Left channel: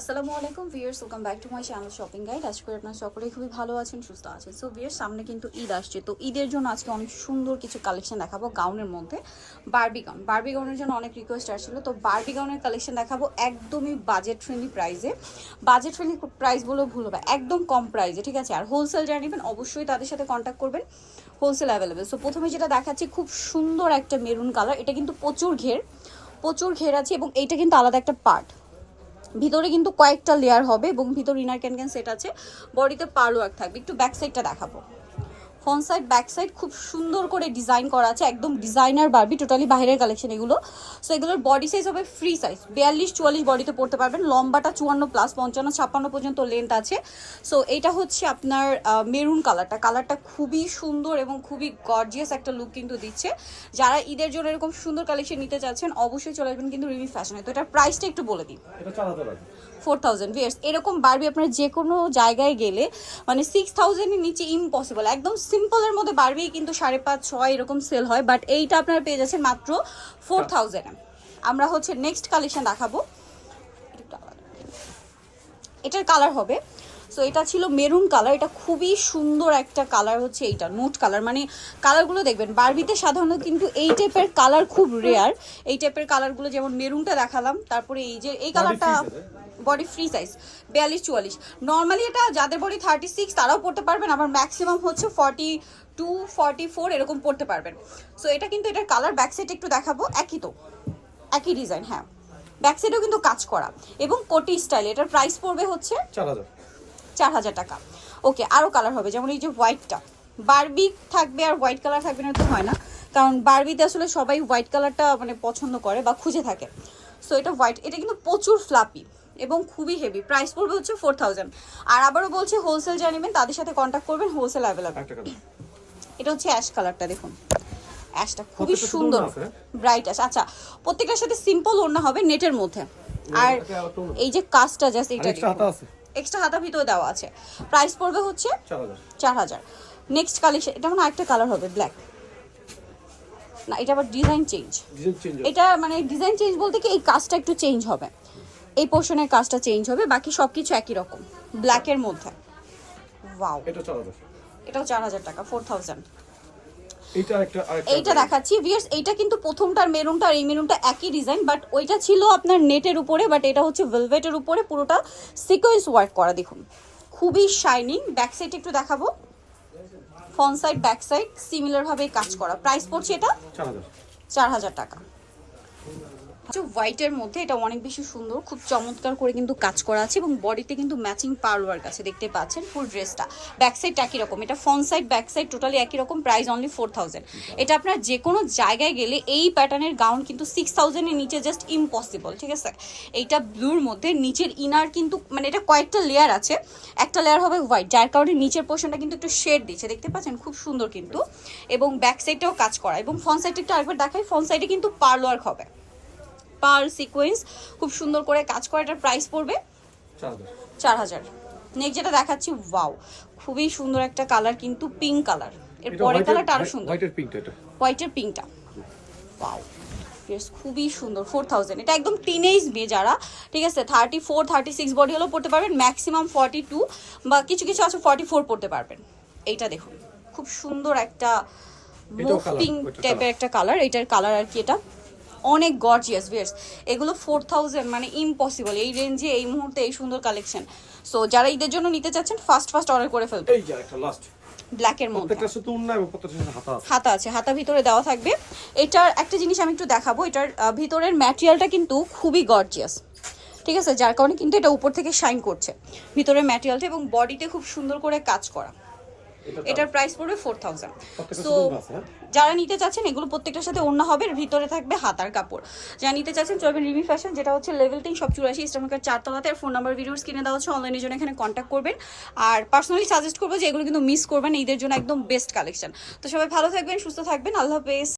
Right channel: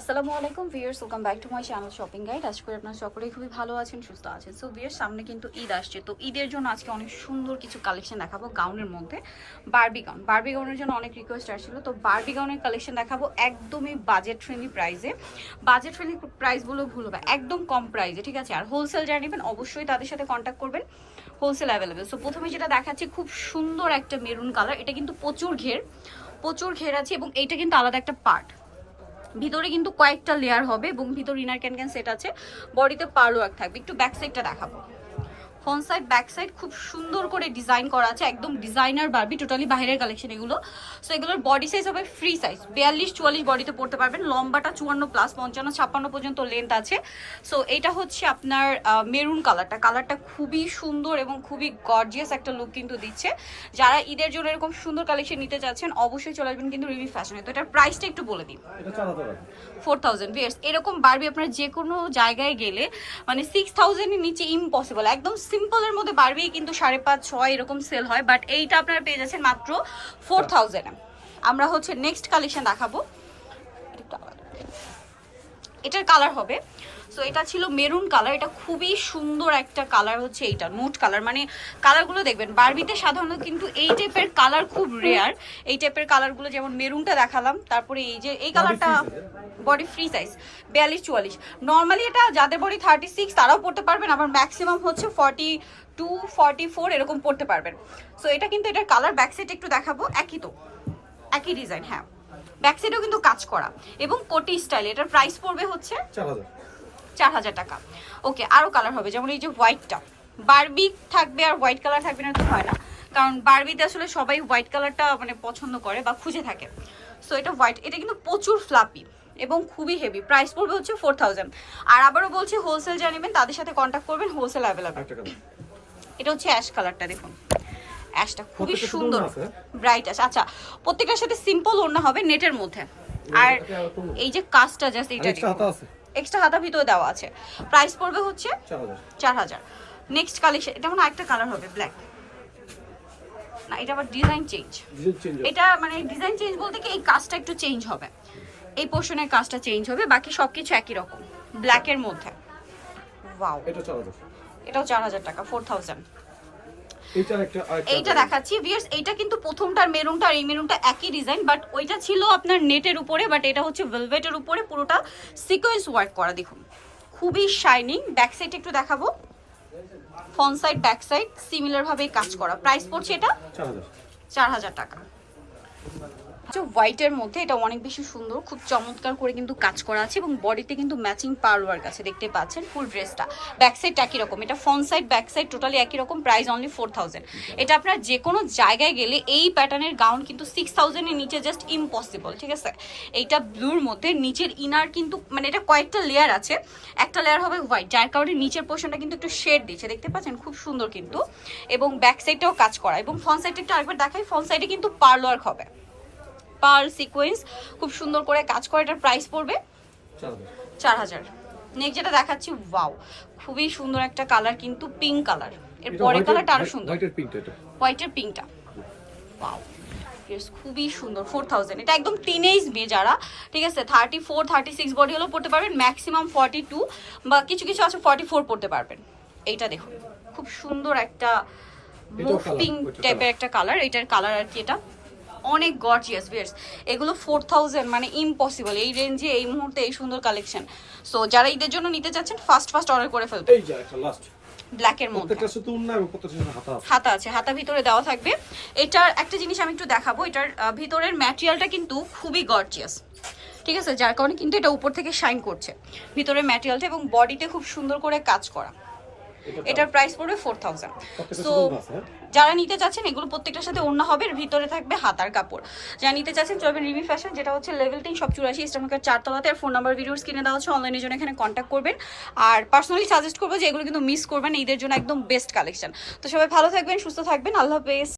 আসসালামু আলাইকুম viewers welcome back to my channel shopping guide আজকে আপনারা সকলেই খুবই ভালো আছেন, সুস্থ আছেন। সো ভিয়ার্স সামনে কিন্তু ঈদ আসছে। তো ঈদের জন্য আজকে অনেক সুন্দর কিছু কালেকশন দেখাবো গাউনের মধ্যে। বারবি গাউন বারবি গাউনের জন্য অনেক রিকোয়েস্ট আসছিল। তো বারবি গাউনের কালেকশন দেখাবো একদমই বাজেট ফ্রেন্ডলি প্রাইসে বাজেট ফ্রেন্ডলি প্রাইস বলেও ভুল হবে, একদম কম প্রাইসে ঠিক আছে? আর হোলসেল যারা নেবেন, অবশ্যই তাদের সাথে কন্ট্যাক্ট করবেন। হোলসেল অ্যাভেলেবেল সো প্রথমে যেটা দেখাচ্ছি, খুব সুন্দর একটা মেরুন কালার এটা কিন্তু প্রচুর ঘের প্রচুর ঘের আছে এবং এইটা কিন্তু আলাদা একটা পার্ট ভিতরে কিন্তু কয়েকটা লেয়ার হবে এবং ভিতর ইনার ক্যান ক্যান সেট আছে। বডিতে পারো ওয়ার্ক থাকবে। একটু ব্যাক সাইডটা দেখাবো। ফ্রন্ট সাইড ব্যাক সাইড খুব সুন্দর করে ডিজাইন করা আছে। একদম ডিজাইনার বারবি টোটালি বাইরের কালেকশন এগুলো। সো এগুলোর বডি সাইজ হবে ফ্রি সাইজ বিয়াল্লিশ চুয়াল্লিশ বডিতে পড়তে পারবেন। লম্বাটা চুয়ান্ন প্লাস পঞ্চান্ন ছাপ্পান্ন পর্যন্ত লেন্থ আছে। সো এটা হচ্ছে আপনার মেরুন কালারটা কালারটা খুবই সুন্দর এবং খুবই গর্জিয়াস একটা লুক কিন্তু দিচ্ছে। যারা ঈদের জন্য এরকম সুন্দর কালেকশন নিতে চাচ্ছেন অবশ্যই চলে আসবেন কিন্তু রিমি ফ্যাশনে তো এটার প্রাইসটা একটু বলে আছে ফোর থাউজেন্ড এরকম বারবি আপনার যে কোনো জায়গায় গেলে মানে সিক্স থাউজেন্ডের নিচে ইম্পসিবল একদম সিম্পলের মধ্যে বাড়বেই কিন্তু সাড়ে পাঁচ, ছয় এরকম সেল হয় বাট এইটা আপনারা পেয়ে যাচ্ছেন মাত্র ফোর আমরা হচ্ছে নেক্সট কালেকশন দেখাবো। এটার কালার হবে। সো এটা ছিল মেরুন কালার এটা খুবই সুন্দর একটা কালার হচ্ছে এইটা নোট কালার মানে কালারগুলো দেখবেন বারবিতে সাধারণত কিন্তু এই টাইপের কালার খুব রেয়ার এই টাইপের কালারগুলো যেমন মেরুনটা দেখালাম তারপরে এই যে এই কালারটা বডি ফ্রি সাইজ বিয়াল্লিশ চুয়াল্লিশ নর্মালি এটা যাদের বডি থার্টি সিক্স তারাও পড়তে পারবেন আবার ম্যাক্সিমাম হচ্ছে ফর্টি টু ফর্টি ফোর এরকম পড়তে পারবেন। সো এটা কিন্তু এটার কালার ব্যাক সাইড একটু দেখাবো একই তো একই ডিজাইন হ্যাঁ। ব্যাক সাইডেও কিন্তু কাজ করা এবং কোটি স্টাইল এটার প্রাইস পড়বে হচ্ছে চার চার হাজার টাকা। ওকে আরও কালার হবে যেমন এই যে হোয়াইটটা বারবি থাকবে আর হোয়াইট কালার থাকবে না তো হয় না। কারণ বারবিতে আসলে সবাই হোয়াইট কালারটা মানে পছন্দ করে বা খুঁজে থাকে। সো এটা হোয়াইট এটা কিন্তু প্রচুর ফ্লাপি এবং খুবই হেভি প্রাইস পড়বে হচ্ছে ফোর থাউজেন্ড আর আবারও বলছে হোলসেল যা নেবেন তাদের সাথে কন্ট্যাক্ট করবেন হোলসেল অ্যাভেলেবেল এটা হচ্ছে অ্যাশ কালারটা দেখুন। অ্যাশটা খুবই সুন্দর ব্রাইট অ্যাশ আচ্ছা প্রত্যেকটার সাথে সিম্পল ওড়না হবে নেটের মধ্যে। আর। এই যে কাজটা জাস্ট এটা আছে। এক্সট্রা হাতা ভিতরে দেওয়া আছে। প্রাইস পড়বে হচ্ছে চার হাজার। নেক্সট কালেকশন এটা মানে একটা কালার হবে ব্ল্যাক না এটা আবার ডিজাইন চেঞ্জ এটা মানে ডিজাইন চেঞ্জ বলতে কি এই কাজটা একটু চেঞ্জ হবে। এই পোর্শনের কাজটা চেঞ্জ হবে বাকি সব কিছু একই রকম ব্ল্যাকের মধ্যে। ওয়াও এটা এটাও চার হাজার টাকা ফোর থাউজেন্ড এইটা একটা এইটা দেখাচ্ছি। ভিউয়ার্স এইটা কিন্তু প্রথমটার মেরুনটা আর এই মেরুনটা একই ডিজাইন বাট ওইটা ছিল আপনার নেটের উপরে বাট এটা হচ্ছে ভেলভেটের উপরে পুরোটা সিকোয়েন্স ওয়ার্ক করা। দেখুন খুবই শাইনিং ব্যাক সাইড একটু দেখাবো। Front side back side similar ভাবে কাজ করা। প্রাইস পড়ছে এটা চার হাজার। চার হাজার টাকা। হোয়াইটের মধ্যে এটা অনেক বেশি সুন্দর, খুব চমৎকার করে কিন্তু কাজ করা আছে এবং বডিতে কিন্তু ম্যাচিং পার ওয়ার্ক আছে, দেখতে পাচ্ছেন ফুল ড্রেসটা ব্যাক সাইড একই রকম, এটা front side back side totally একই রকম প্রাইস অনলি ফোর থাউজেন্ড এটা আপনার যে কোনো জায়গায় গেলে এই প্যাটার্নের গাউন কিন্তু সিক্স থাউজেন্ডের নিচে জাস্ট ইম্পসিবল ঠিক আছে? এইটা ব্লুর মধ্যে, নিচের ইনার কিন্তু মানে এটা কয়েকটা লেয়ার আছে। একটা লেয়ার হবে হোয়াইট যার কারণে নিচের পোর্শনটা কিন্তু একটু শেড দিচ্ছে, দেখতে পাচ্ছেন? খুব সুন্দর কিন্তু। এবং ব্যাক সাইডটাও কাজ করা, এবং ফ্রন্ট সাইডটা একটু আরেকবার দেখাই ফ্রন্ট সাইডে কিন্তু পার্ল ওয়ার্ক হবে। পার্ল সিকোয়েন্স খুব সুন্দর করে কাজ করে এটার প্রাইস পড়বে চার হাজার। নেক্সট যেটা দেখাচ্ছি ওয়াও খুবই সুন্দর একটা কালার কিন্তু পিঙ্ক কালারের পরের কালারটা আরও সুন্দর। হোয়াইটের পিঙ্কটা এটা। হোয়াইটের পিঙ্কটা ওয়াও ইয়েস খুবই সুন্দর ফোর থাউজেন্ড এটা একদম টিনেজ মেয়ে যারা ঠিক আছে thirty four thirty six body হলেও পড়তে পারবেন ম্যাক্সিমাম ফর্টি টু বা কিছু কিছু আছে ফর্টি ফোর পড়তে পারবেন। এইটা দেখুন খুব সুন্দর একটা মুভ পিঙ্ক টাইপের একটা কালার এটার কালার আর কি এটা। অনেক গর্জিয়াস বিয়ার্স এগুলো ফোর থাউজেন্ড মানে ইম্পসিবল এই রেঞ্জে এই মুহূর্তে এই সুন্দর কালেকশন সো যারা ঈদের জন্য নিতে চাচ্ছেন ফার্স্ট ফার্স্ট অর্ডার করে ফেলবে এই যে একটা লাস্ট ব্ল্যাকের মধ্যে। হাতা আছে। হাতা ভিতরে দেওয়া থাকবে। এটার একটা জিনিস আমি একটু দেখাবো। এটার ভিতরের ম্যাটেরিয়ালটা কিন্তু খুবই গর্জিয়াস ঠিক আছে? যার কারণে কিন্তু এটা উপর থেকে শাইন করছে। ভিতরের ম্যাটেরিয়ালটা এবং বডিতে খুব সুন্দর করে কাজ করা। এটার প্রাইস পড়বে ফোর থাউজেন্ড সো? যারা নিতে চাচ্ছেন এগুলো প্রত্যেকটার সাথে অন্য হবে ভিতরে থাকবে হাতার কাপড়। যারা নিতে চাচ্ছেন চলবে রিমি ফ্যাশন যেটা হচ্ছে লেভেল তিন সব চুরাশি ইস্টামার্কের চারতলাতে আর ফোন নাম্বার ভিডিওস কিনে দেওয়া হচ্ছে অনলাইনের জন্য এখানে কন্ট্যাক্ট করবেন। আর পার্সোনালি সাজেস্ট করব যে এগুলো কিন্তু মিস করবেন ঈদের জন্য একদম বেস্ট কালেকশন তো সবাই ভালো থাকবেন সুস্থ থাকবেন আল্লাহ হাফেজ।